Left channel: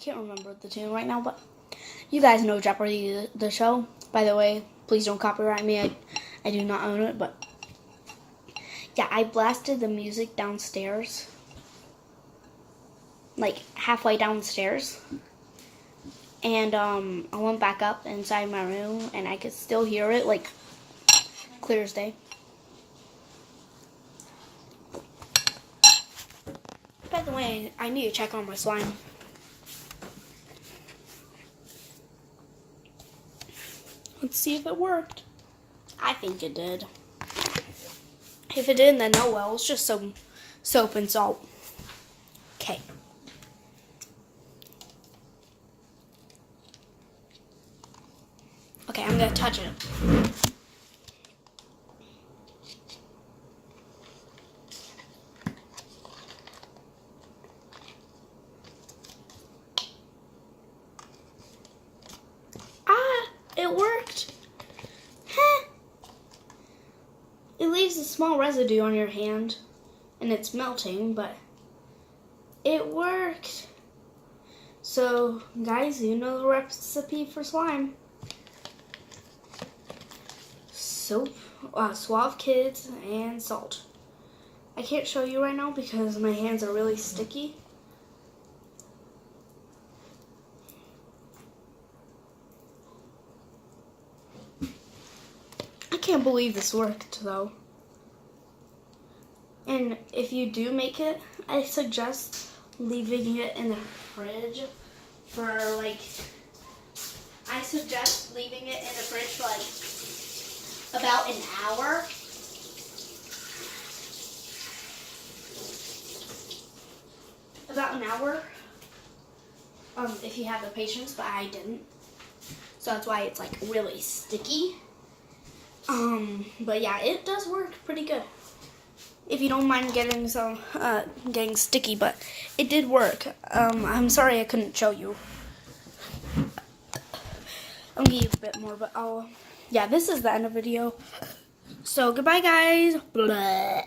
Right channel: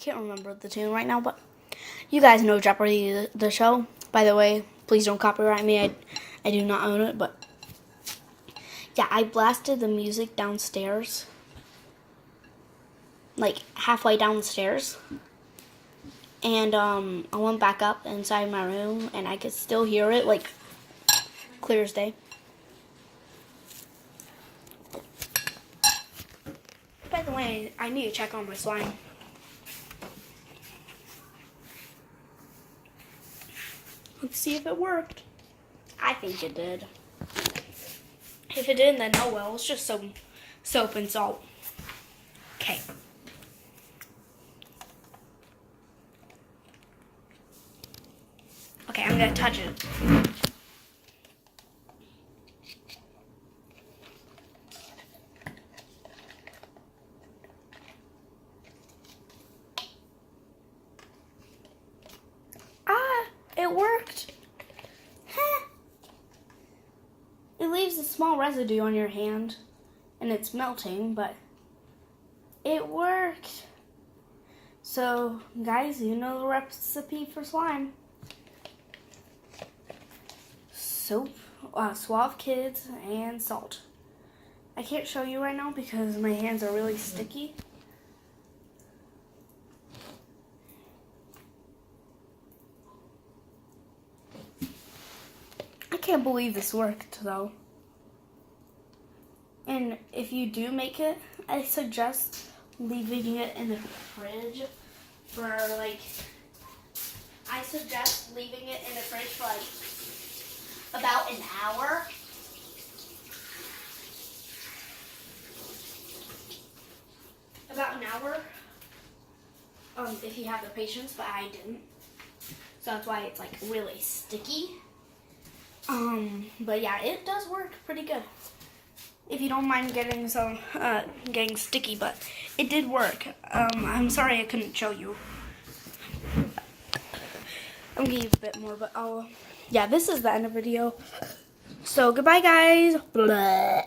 can't remember the tune right now, but you guys know Jeopardy, the show. By the way, please don't copyright me. I do not own it, but yeah, I blasted the music downstairs, like halfway downstairs, and I went back up inside my room, and I could still hear it, like clear as day. By the way, I need to check on my slime. Let's see if it worked. I think it did. If it didn't, then oh well. It's just some soap and salt. Okay. Okay, I'm gonna touch it. It worked. It leaves a small residue on your hand, and it's melting, but it worked. So, guys, you know the recipe for slime. Soap, Suave Kids, and salt. I can't show you right now because my hands are really sticky. I can't believe this worked, though. And if you do make it, I suggest leaving it in the fridge for like, for like about an hour. If you have the patience, but I didn't. So that's why it's like really sticky. But yeah, it does work pretty good. If you don't mind getting sticky, but it did work. I'm sorry I couldn't show you. I'm gonna give you a bit more, but yeah, this is the end of the video. So goodbye, guys. Blah.